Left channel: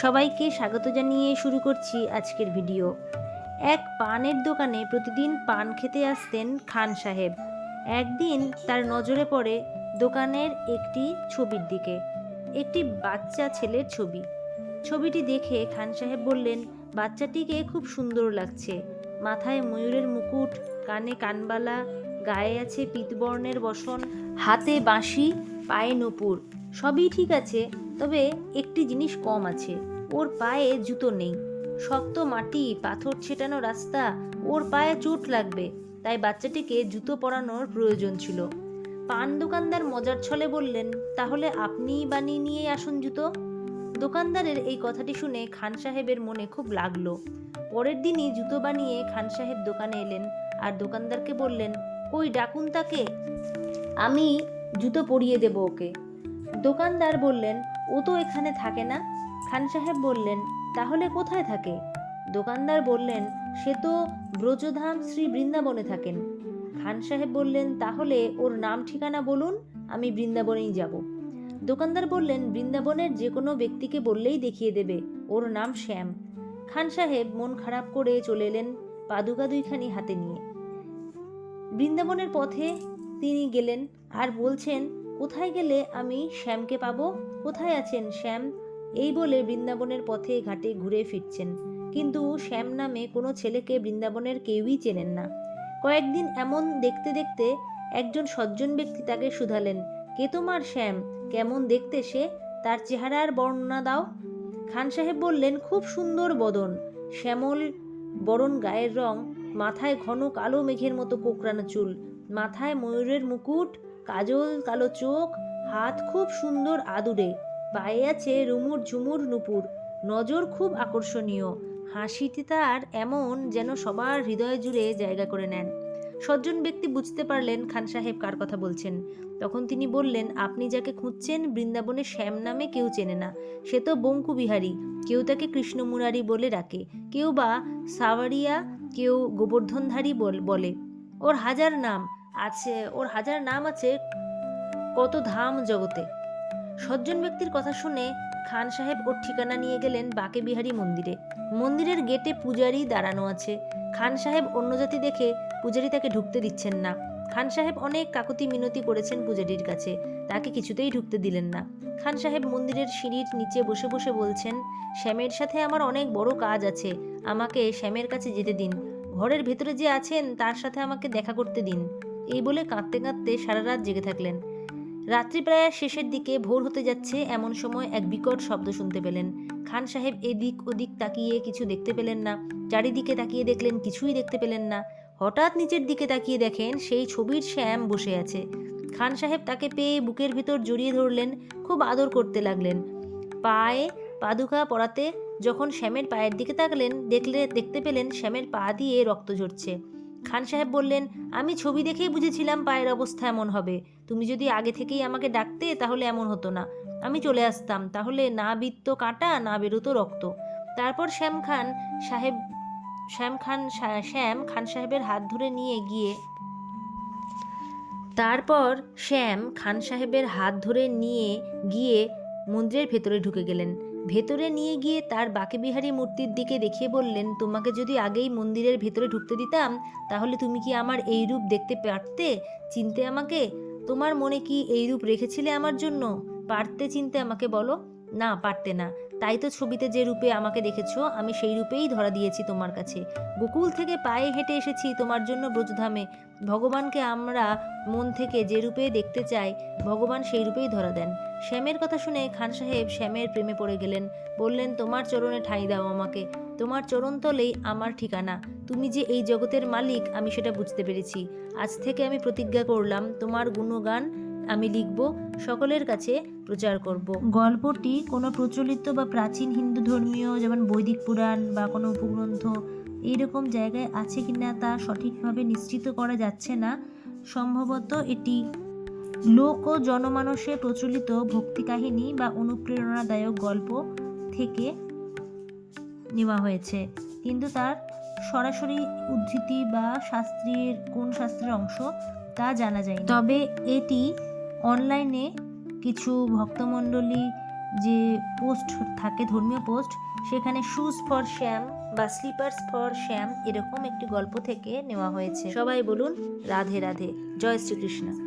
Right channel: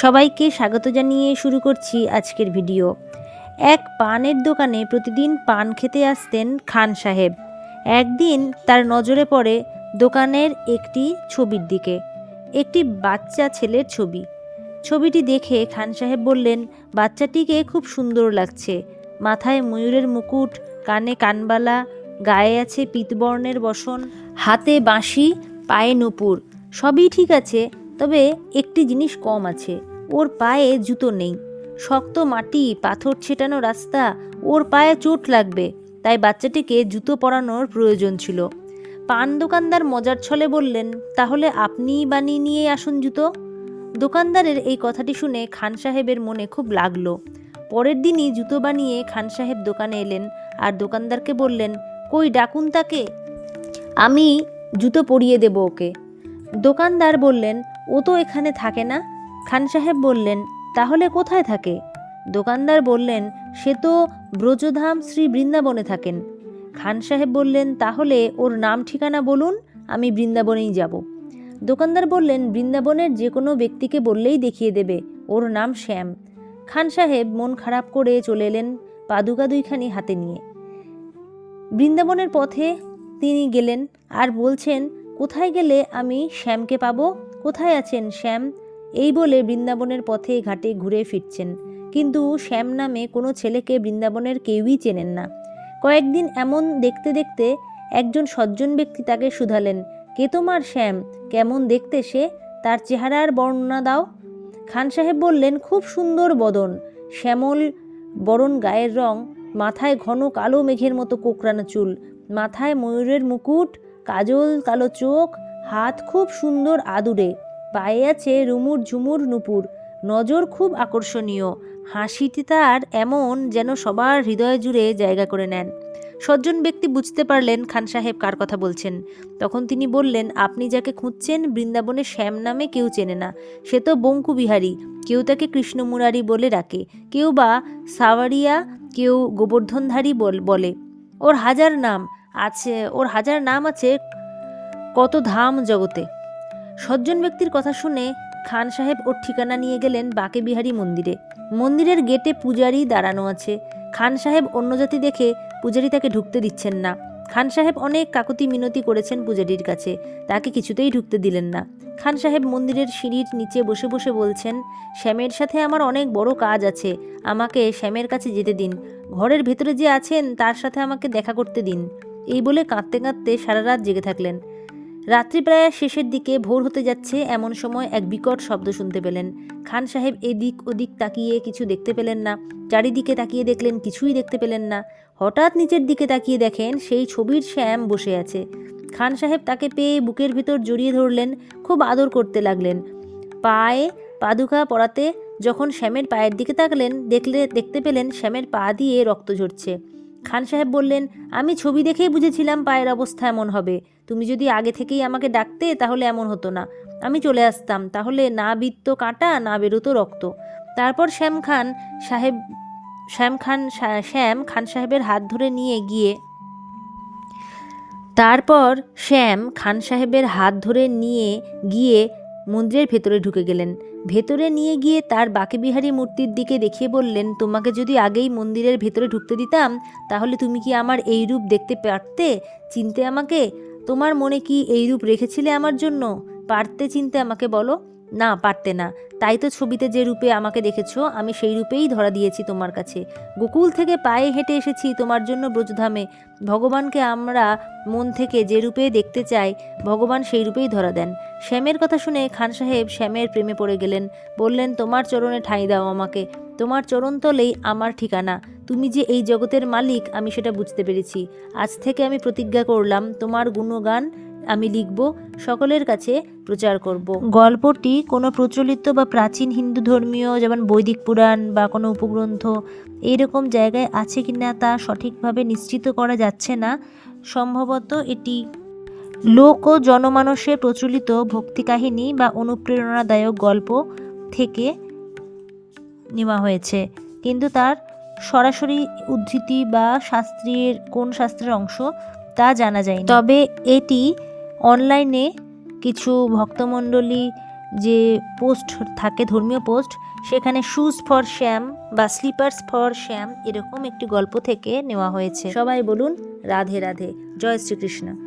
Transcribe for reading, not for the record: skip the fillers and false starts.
সবাইকে স্বাগত জানিয়ে শুরু করছি আজকের ভিডিও। এক পানের দোকানে প্রতিদিন পান খেতে আসতেন খান সাহেব। একদিন তার নজরে পড়ে দোকানের একটি ছবির দিকে, একটি বাচ্চা ছেলের ছবি। ছবিটি দেখে খান সাহেব বললেন, বাচ্চাটিকে খুব সুন্দর লাগছে। মাথায় ময়ূরের মুকুট, কানে কানবালা, গায়ে আছে পীতবর্ণের বসন, হাতে বাঁশি, পায়ে নূপুর। সবই ঠিক আছে, তবে একটি জিনিস কম আছে, ওর পায়ে জুতো নেই। শক্ত মাটি, পাথর ছেটানো রাস্তা, ওর পায়ে চোট লাগবে, তাই বাচ্চাটিকে জুতো পরানোর প্রয়োজন ছিল। পান দোকানদার মজার ছলে বললেন, তাহলে আপনিই বানিয়ে নিয়ে আসুন জুতো। দোকানদারের এই কথাটি শুনে খান সাহেবের মনে খুব লাগলো। পরের দিনই জুতো বানিয়ে খান সাহেব দোকানে এলেন আর দোকানদারকে বললেন, কই ডাকুন তাকে, আমি জুতো পরিয়ে দেব ওকে। দোকানদার বললেন, ও তো এখানে থাকে না। খান সাহেব বললেন, তাহলে কোথায় থাকে? দোকানদার বললেন, সে তো ব্রজধাম শ্রী বৃন্দাবনে থাকেন। খান সাহেব বললেন, তাহলে ওর নাম ঠিকানা বলুন, আমি বৃন্দাবনেই যাব। দোকানদার বললেন, বৃন্দাবনের যে কোনো ব্যক্তিকে বললেই দেখিয়ে দেবে, ওর নাম শ্যাম। খান সাহেব মন খারাপ করে চলে এলেন পাদুকা দুইখানি হাতে নিয়ে। বৃন্দাবনের পথে তিনি গেলেন আর বলছেন, কোথায় গেলে আমি শ্যামকে পাবো? কোথায় আছেন শ্যাম? এই বলে বৃন্দাবনের পথে ঘাটে ঘুরে ফিরছেন, কিন্তু শ্যাম নামে কোনো ছেলেকে বৃন্দাবনের কেউই চেনেন না। কয়েকদিন এমন দেখতে দেখতে একজন সজ্জন ব্যক্তি তাকে শুধালেন, কে তোমার শ্যাম? কেমন দেখতে সে? তার চেহারার বর্ণনা দাও। খান সাহেব বললেন, খুব সুন্দর বদন, শ্যামল বরণ গায়ের রং, মাথায় ঘন কালো মেঘের মতো কোকড়ানো চুল, মাথায় ময়ূরের মুকুট, কাজল কালো চোখ, হাত খুব সুন্দর আদুরে, পায়ে আছে রুমুর ঝুমুর নূপুর, নজর খুব আকর্ষণীয়, হাসিটি তার এমন যেন সবার হৃদয় জুড়ে জায়গা করে নেন। সজ্জন ব্যক্তি বুঝতে পারলেন খান সাহেব কার কথা বলছেন। তখন তিনি বললেন, আপনি যাকে খুঁজছেন বৃন্দাবনে শ্যাম নামে কেউ চেনে না। সে তো বঙ্কু বিহারী, কেউ তাকে কৃষ্ণ মুরারি বলে ডাকে, কেউ বা সাওয়ারিয়া, কেউ গোবর্ধনধারী বলে। ওর হাজার নাম আছে, ওর হাজার নাম আছে কত ধাম জগতে। সজ্জন ব্যক্তির কথা শুনে খান সাহেব ওর ঠিকানা নিয়ে গেলেন বাঁকে বিহারী মন্দিরে। মন্দিরের গেটে পূজারি দাঁড়ানো আছে। খান সাহেব অন্য জাতি দেখে পূজারি তাকে ঢুকতে দিচ্ছেন না। খান সাহেব অনেক কাকুতি মিনতি করেছেন পূজারির কাছে, তাকে কিছুতেই ঢুকতে দিলেন না। খান সাহেব মন্দিরের সিঁড়ির নিচে বসে বসে বলছেন, শ্যামের সাথে আমার অনেক বড় কাজ আছে, আমাকে শ্যামের কাছে যেতে দিন। ঘরের ভেতরে যে আছেন তার সাথে আমাকে দেখা করতে দিন। এই বলে কাঁদতে কাঁদতে সারা রাত জেগে থাকলেন। রাত্রি প্রায় শেষের দিকে, ভোর হতে যাচ্ছে এমন সময় এক বিকট শব্দ শুনতে পেলেন। খান সাহেব এদিক ওদিক তাকিয়ে কিছু দেখতে পেলেন না। চারিদিকে তাকিয়ে দেখলেন, কিছুই দেখতে পেলেন না। হঠাৎ নিচের দিকে তাকিয়ে দেখেন সেই ছবির শ্যাম বসে আছে। খান সাহেব তাকে পেয়ে বুকের ভিতর জড়িয়ে ধরলেন, খুব আদর করতে লাগলেন। পায়ে পাদুকা পরাতে যখন শ্যামের পায়ের দিকে তাকালেন, দেখতে পেলেন শ্যামের পা দিয়ে রক্ত ঝরছে। খান সাহেব বললেন, আমি ছবি দেখেই বুঝেছিলাম পায়ের অবস্থা এমন হবে। তুমি যদি আগে থেকেই আমাকে ডাকতে তাহলে এমন হতো না, আমি চলে আসতাম, তাহলে না বিত্ত কাটা, না বেরোতো রক্ত। তারপর শ্যাম খান সাহেবের হাত ধরে নিয়ে গিয়ে তারপর শ্যাম খান সাহেবের হাত ধরে নিয়ে গিয়ে মন্দিরের ভেতরে ঢুকে গেলেন। ভেতরে নিয়ে গিয়ে তার বাঁকেবিহারী মূর্তির দিকে দেখিয়ে বললেন, তোমাকে যদি আগেই মন্দিরের ভেতরে ঢুকতে দিতাম তাহলে তুমি কি আমার এই রূপ দেখতে পারতে, চিনতে আমাকে? তোমার মনে কি এই রূপ রেখেছিলে আমার জন্য? পারতে চিনতে আমাকে বলো? না, পারতে না। তাই তো ছবিতে যে রূপে আমাকে দেখেছো আমি সেই রূপেই ধরা দিয়েছি তোমার কাছে। গোকুল থেকে পায়ে হেঁটে এসেছি তোমার জন্য ব্রজধামে। ভগবানকে আমরা মন থেকে যে রূপে দেখতে চাই, ভগবান সেই রূপেই ধরা দেন। শ্যামের কথা শুনে খান সাহেব শ্যামের প্রেমে পড়ে গেলেন। বললেন, তোমার চরণে ঠাঁই দাও আমাকে, তোমার চরণতলেই আমার ঠিকানা। তুমি যে এই জগতের মালিক আমি সেটা বুঝতে পেরেছি। আজ থেকে আমি প্রতিজ্ঞা করলাম, তোমার গুণগান আমি লিখব, সকলের কাছে প্রচার করব। গল্পটি কোনো প্রচলিত বা প্রাচীন হিন্দু ধর্মীয়, যেমন বৈদিক পুরাণ বা কোনো উপগ্রন্থ এইরকম জায়গায় আছে কিনা তা সঠিকভাবে নিশ্চিত করা যাচ্ছে না। সম্ভবত এটি লোক ও জনমানসে প্রচলিত ভক্তি কাহিনী বা অনুপ্রেরণাদায়ক গল্প থেকে নেওয়া হয়েছে, কিন্তু তার সরাসরি উদ্ধৃতি বা কোন শাস্ত্রের অংশ তা জানা যায়নি। তবে এটি অনলাইনে কিছু ভক্তমণ্ডলী যে পোস্ট থাকে, ধর্মীয় পোস্ট, সেখানে শুজ ফর শ্যাম বা স্লিপার্স ফর শ্যাম এরকম একটি গল্প থেকে নেওয়া হয়েছে। সবাই বলুন রাধে রাধে, জয় শ্রীকৃষ্ণ।